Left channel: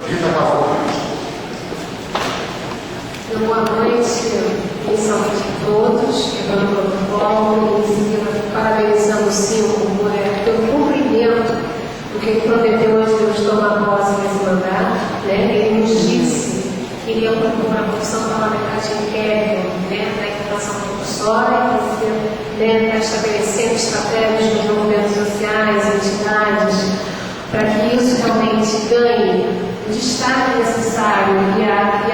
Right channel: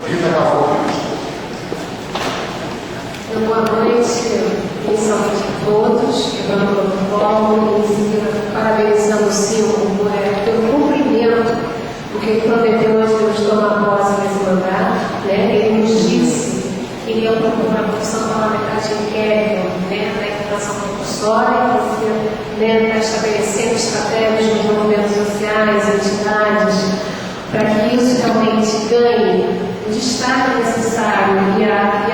Boa noite, inicialmente a todos, quebrando o protocolo, parabenizando o Silvio pelo cumprimento do que ele prometeu antes de nos tomar posse nesse mandato. Ele nos disse que iria procurar a profissão parlamentar de inquérito da informação compulsória, para estabelecer estratégias nos movimentos sociais, entidades, para que isso realmente ganhe o destaque necessário e a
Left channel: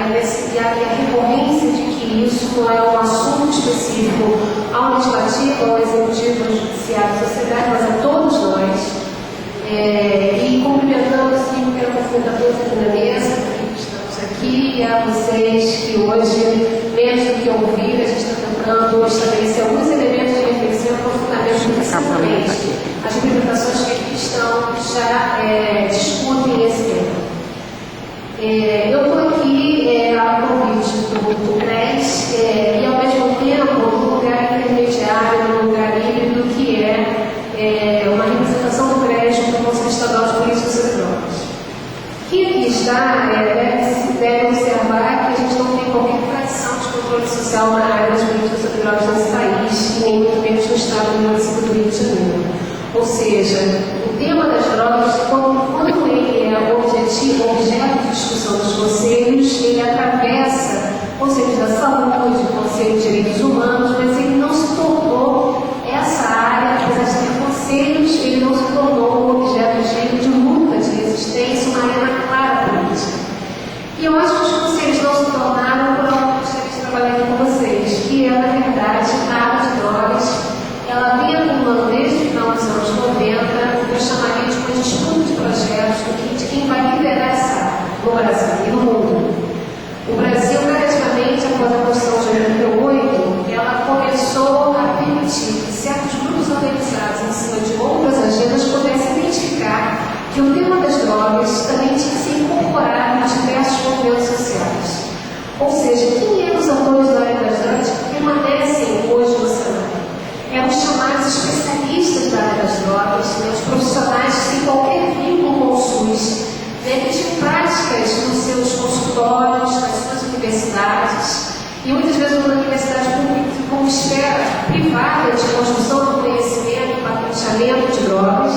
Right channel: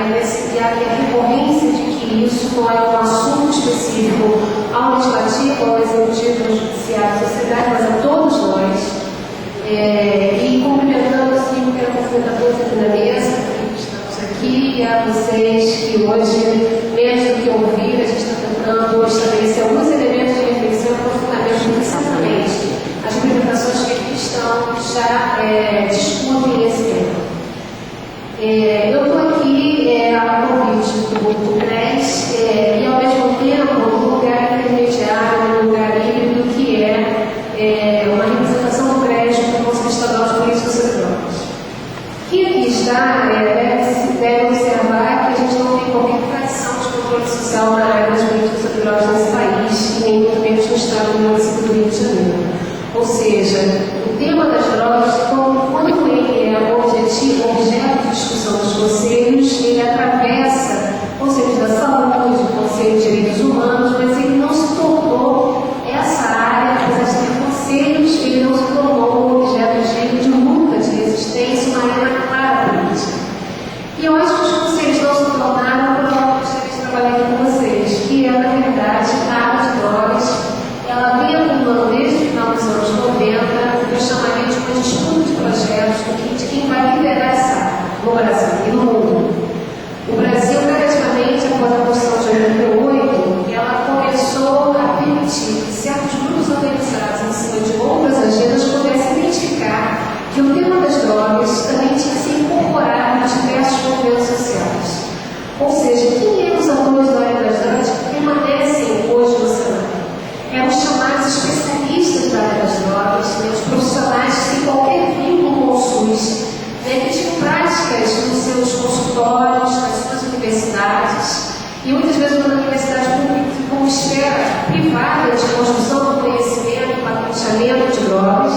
recorrência de que isso não é um assunto específico ao legislativo, ao executivo, ao judiciário, à sociedade, mas a todos nós. E cumprimentando assim, que era fundadores aqui na mesa, que estamos aqui, e a vocês que hoje, mesmo que ouvir, a gente está tentando estabelecer alguns elementos de reflexão e aprofundamento precisamente as limitações que aqui estão já discutem esse tema. Eu estou aqui a convite do CRES e, ao mesmo tempo, num lugar intermediário, num lugar híbrido, que é uma representação do CRES do Conselho Estadual de Políticas sobre Drogas. Quem aqui está deve observar que a gente não tem qualquer tradição de controle social na área das políticas sobre drogas nesse país, e nem muito menos no estado do município do Rio de Janeiro. Ou seja, o tema das drogas, quando ele é objeto de discussão dos conselhos, ele atravessa conselhos da saúde, conselho de direitos humanos, mas ele não se tornou essa área, apesar de ter conselhos, ele não se tornou objeto de luta, de resistência, uma arena clara política. E eu acho que os conselhos não se tornaram por algo que eu gostaria de trabalhar aqui com vocês, que é, na verdade, a área de drogas. Ela vem acumulando desde o final dos anos 90, o que eu chamaria de uma disputa de projetos de quem vai liderar essa área no Brasil e no mundo. O Brasil, gradativamente, após a Constituição de 88, ela começou a permitir que certos grupos organizados em cima de outras agendas pudessem identificar que o tema das drogas também tinha que ser incorporado em diversos movimentos sociais. Ou seja, quem eram os atores da área das drogas que permanecem hoje no cenário? Eram os chamados especialistas da área das drogas, os profissionais sem qualquer vínculo com o SUS, que tinham práticas nos seus consultórios, nas suas universidades, e muitas vezes na universidade pública como esfera privada de construção do conhecimento, patenteamento de drogas,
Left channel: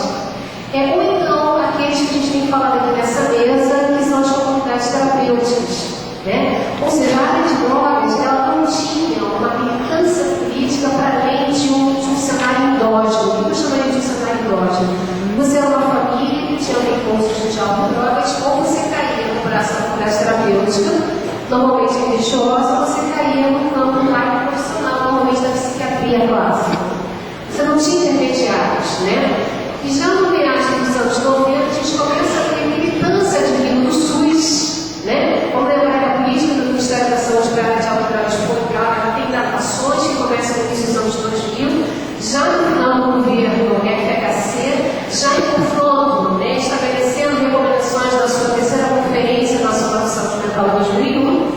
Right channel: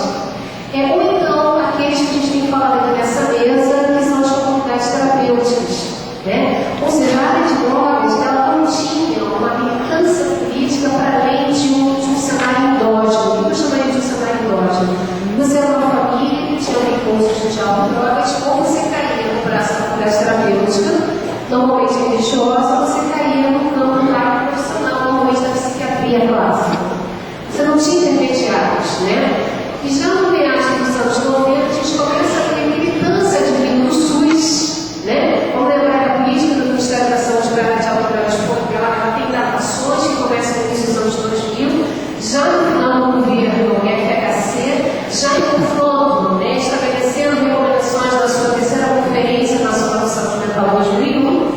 ou então aqueles que a gente tem falado aqui nessa mesa, que são as comunidades terapêuticas. Ou seja, a área de drogas ela não tinha uma militância política para além de um cenário endógeno. O que eu chamaria de um cenário endógeno? Você era uma família que tinha recursos de autodrogas, ou você caía no braço da comunidade terapêutica, normalmente religiosa, você caía no campo da área profissional, normalmente da psiquiatria clássica. Você não tinha intermediários, E já no meados dos anos 90, a gente começa a ter militância de vindo do SUS, Vamos lembrar que a política do Ministério da Saúde para a área de autodrogas ela tem datações que começam no início dos anos 2000, já no final do governo FHC, já em confronto, estabelecendo recomendações da sua terceira Conferência Nacional de Saúde Mental 2001,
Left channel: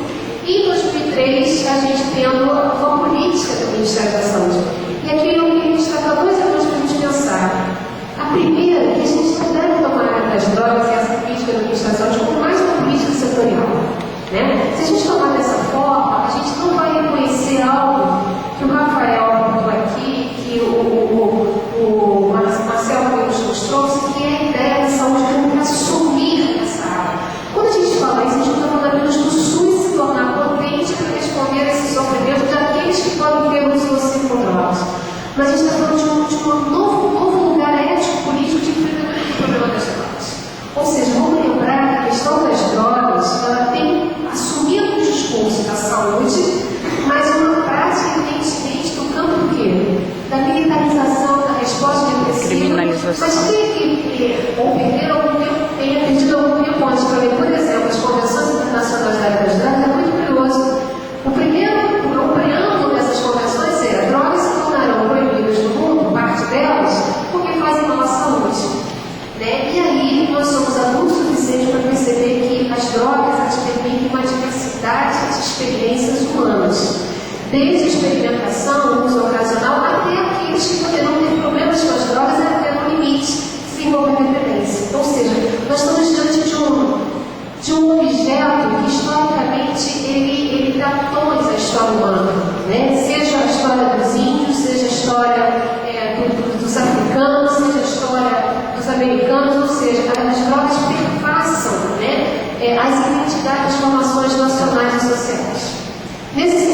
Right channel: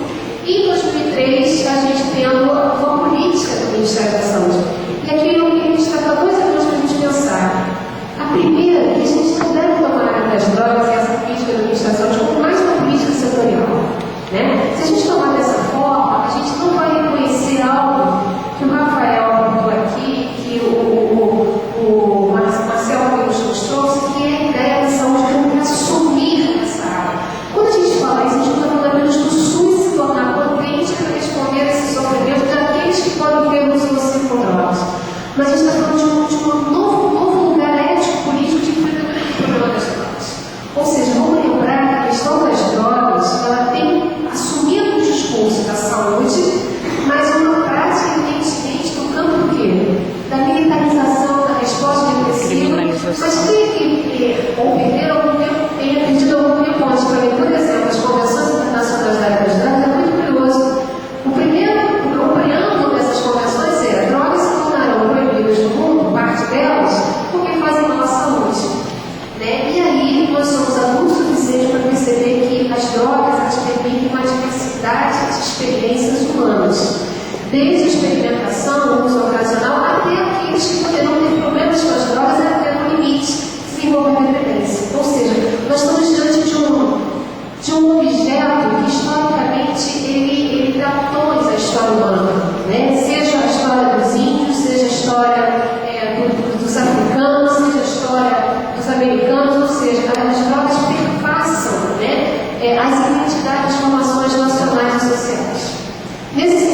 e em 2003 a gente tendo uma política do Ministério da Saúde. E aqui eu queria destacar dois elementos para a gente pensar. A primeira, que a gente não deve tomar a área das drogas e essa política do Ministério da Saúde como mais uma política setorial. Se a gente tomar dessa forma, a gente não vai reconhecer algo que o Rafael apontou aqui, que o Marcelo nos trouxe, que é a ideia de saúde pública assumir essa área. Quando a gente fala isso, a gente está falando apenas do SUS se tornar potente para responder a esse sofrimento daqueles que podem ter uso nocivo com drogas. Mas a gente está falando de um novo lugar ético-político de enfrentamento do problema das drogas. Ou seja, vamos lembrar que a questão das drogas, ela tem assumido o discurso da saúde, mas uma prática evidentemente no campo do quê? Da militarização, da resposta depressiva. Mas quem ou perder algum tempo, tenha perdido algum tempo antes para ler, por exemplo, as convenções internacionais da área das drogas, é muito curioso. O preâmbulo dessas convenções era: drogas se tornarão proibidas no mundo, parte delas, porque fazem mal à saúde. E aí nós somos adultos o suficiente para perceber que as drogas permitem uma diversidade de experiências humanas, desde a experimentação, o uso ocasional, até aqueles que poderão ter problemas com as drogas e até no limite, desenvolver dependência. Ou seja, nós estamos diante de as identidades, formações nacionais e sociais. Nesses